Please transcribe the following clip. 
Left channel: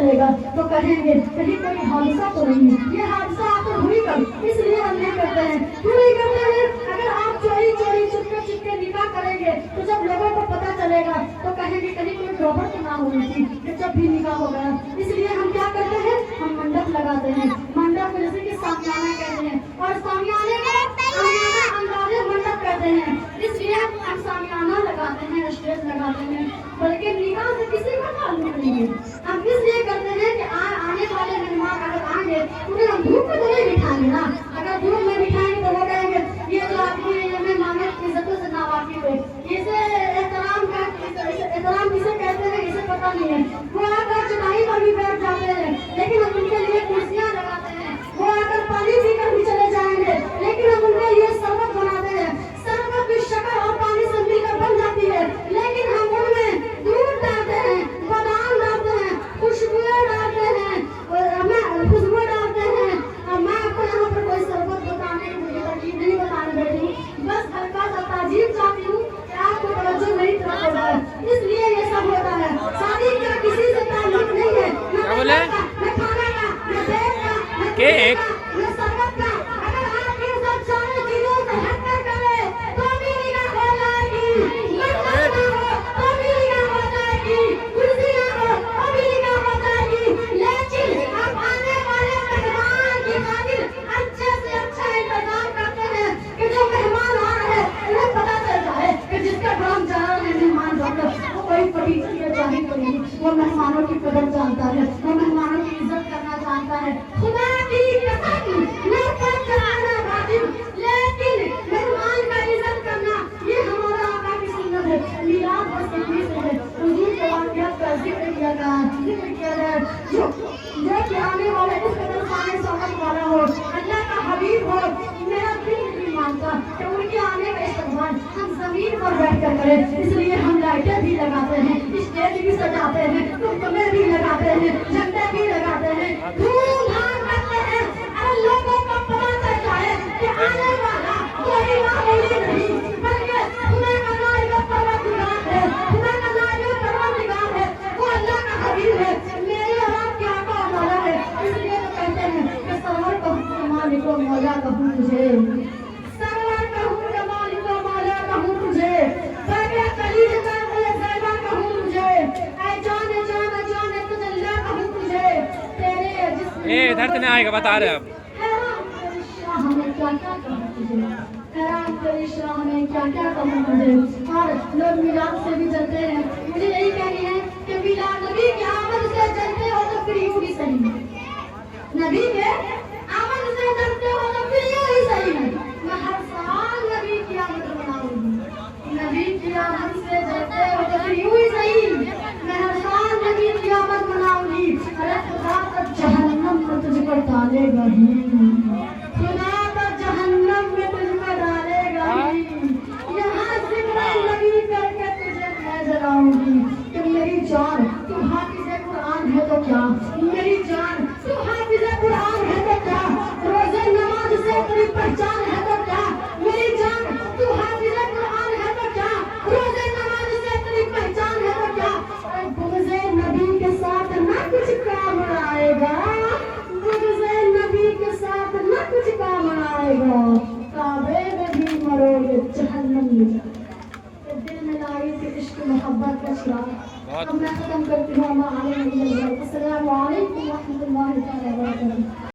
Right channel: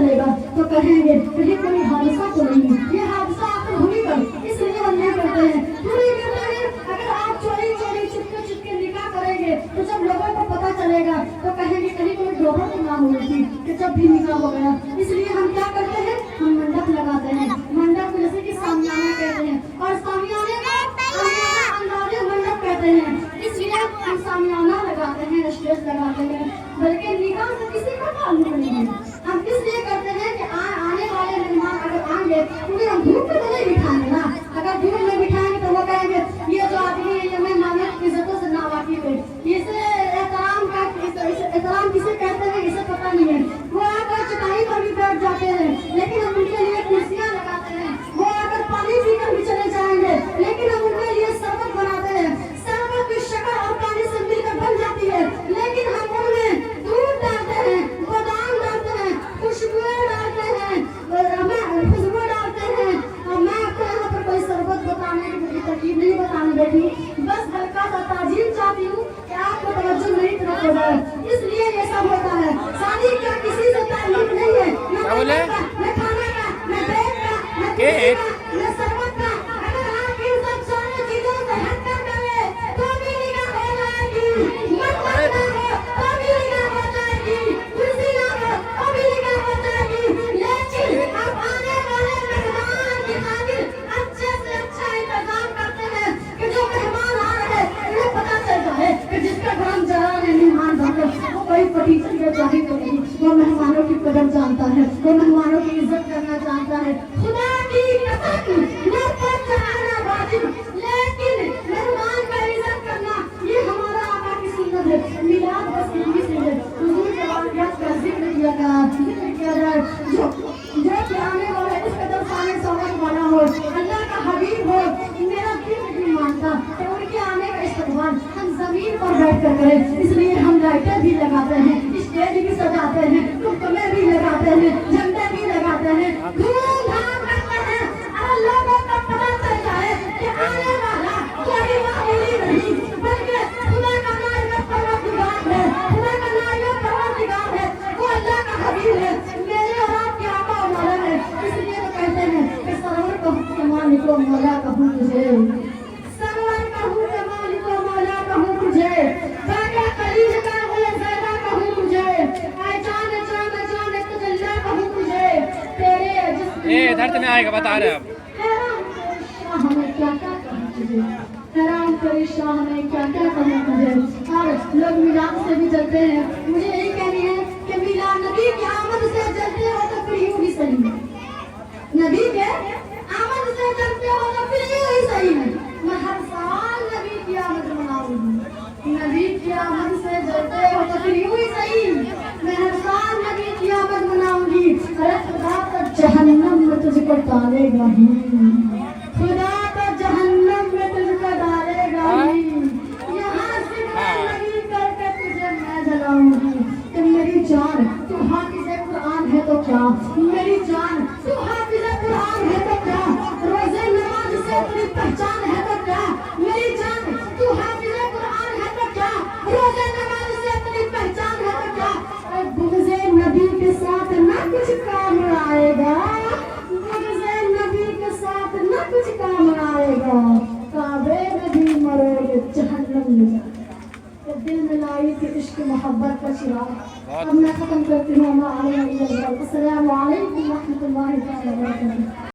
چلے گا تو کہیں گے کہیں کوئی حادثہ تو نہیں، یہ حادثہ آخر ہوئی کب، اس لیے ہم نہیں کرتے ہیں، کیوں نہیں کرتے ہیں؟ اگر آپ چوری چوری چپکے چپکے نکاح کریں گے تو جب لوگوں کو پتہ چلے گا تو کہیں گے کہیں کوئی گھوبر تو نہ ہوئی تھی کہ جب بھی نکاح ہو گیا، اس لیے ہم کیا کرتے ہیں؟ ہم منڈپ لگاتے ہیں، منڈپ کو جیسے کہ سامیانہ کہتے ہیں، اور سامیانے کو اندازے منڈپ کہتے ہیں، اس لیے ہم سامیانہ لگاتے ہیں، اسٹیج لگاتے ہیں، بلکہ نکاح سے کسی کا تعلق نہیں ہے، ہم اس لیے کرتے ہیں کہ آنے والے مہمان اگر آئیں گے انہیں ہم دھوپ میں تو نہیں بٹھائیں گے نا، اگر دھوپ میں بٹھائیں گے تو وہ کہیں گے یہ جو آپ کی مہمانوں کی عزتوں سے ناواقف ہے، اسے احترام کسے کہتے ہیں اسے پتہ نہیں ہے، وہ آ کر چٹائی پر بھی بیٹھ جاتے ہیں لیکن ہم ان کے لیے کرسیاں لگاتے ہیں، وہ آ کر پانی پی کر بھی چلے جائیں گے لیکن ہم ان کے لیے شربت بناتے ہیں، شربت کی شکر اور پانی سے مل کر بن جاتی ہے لیکن ہم ان میں دودھ ڈالتے ہیں، بادام ڈالتے ہیں، خوشبوئیں ڈالتے ہیں، خوشبو ڈالتے ہیں، میں آپ کو یہاں پر کوئی شربت بتانے کی مجھے ترکیب نہیں بتانے بیٹھی، بس ہلکا سا تعجیب چاہتی ہوں کہ آپ کو توجہ میری طرف ہو جائے، اس لیے یہ سب ہوتا ہے، شادی کا کسی سے تعلق نہیں ہے، کیا بولے؟ نہ کھانے کا، نہ بیگ کا، نہ کیک نہ شربت کا، اگر آپ ان سب ساری چیزوں سے ہٹ کر کریں تو بھی نکاح ہو جائے گی، منڈپ نہ ہو تو بھی نکاح ہو جائے گی، کرسی نہ ہو تو بھی نکاح ہو جائے گی، لیکن آپ آنے والے مہمان کی خاطر اچھے سے اچھا انتظام کرتے ہیں کہ جو مہمان آ رہے ہیں انہیں پتہ چل جائے کہ جس کا نام جہاں ہے مہمان بن وہ کوئی پٹیچی یا جاہل تو نہیں، وہ مہمانوں کی قدر جانتا ہے، وہ مہمانوں کی عزت کرنا جانتا ہے، خدا کی قسم نہ پر چڑھانا واجب لیکن مہمان کا عزت کرنا یہ ہمارا آقا کی سنت ہے، میلاد بس اتنی سی ہے، حضور کے واقعات کا ذکر کیا جائے جو کہ آنے والے اس قدر سانے سمجھ والا ہو، اللہ کا حبیب ہو، میرا دل نہیں مانتا کہ ان کے آنے کا استقبال ہم زمین پر بیٹھ کر کریں، اس لیے ہم لائٹیں بھی لگاتے ہیں، اسٹیج بھی سجاتے ہیں، تمبے بھی لگاتے ہیں، جھنڈے بھی لگاتے ہیں، دھوم دھام کرتے ہیں، اور لوگوں کو پتہ چل جائے کہ آنے والا کوئی معمولی نہیں بلکہ خدا کا نائب پروردگار ہے، خدا کا نائب پروردگار ہے، وہ اللہ کا حبیب ہے، میرے اور آپ کے آقا و مولا ہے، اس لیے تو کہتے ہیں کہ سرور کہوں کہ مالک و مولا کہوں تجھے، سرور کہوں کہ مالک و مولا کہوں تجھے، باقی قلیل کا زیادہ کہوں تجھے، اے جان جان جان تجلے کہوں تجھے، تیرے جسم ادھر سے نہیں آئے گا بتا رہے اب ہمیں کیا کیا کہوں تجھے، حیران تیری شاہ ہمیں کیا کیا کہوں تجھے، اور لوگ میلاد سے بھی جلتے ہیں، مجھے یہی کہنی ہے کہ میلاد نبی کی آمد سے جلتے ہو تو پھر یوں ہی صحیح، نبی کے آمد سے جلتے ہو تو پھر یوں ہی صحیح، میں ہر سال نبی کی آمد مناؤں گی، نبی کی آمد سے جلتے ہو تو پھر یوں ہی صحیح، میں ہر سال نبی کی آمد مناؤں گی، ارے خدا تو جہنم میں تجھ کو ڈالے گا ہی، خدا تو جہنم میں تجھ کو ڈالے گا ہی، یہاں ذکر نبی کر کے تجھے میں جلاؤں گی، کہ میری جان تو حافظ قرآن ہے تو کیا، میری جان تو حافظ قرآن ہے تو کیا، روزے نماز سے تیری پہچان ہے تو کیا، میری جان تو حافظ قرآن ہے تو کیا، روزے نماز سے تیری پہچان ہے تو کیا، بغض نبی کے ساتھ نہ کچھ کام آئے گا، بغض نبی کے ساتھ نہ کچھ کام آئے گا، کعبے میں بھی مرو گے جہنم میں جائے، دل میں لائی تھی عشق محبت کا چراغ، اب میں ختم کرتی ہوں، السلام علیکم۔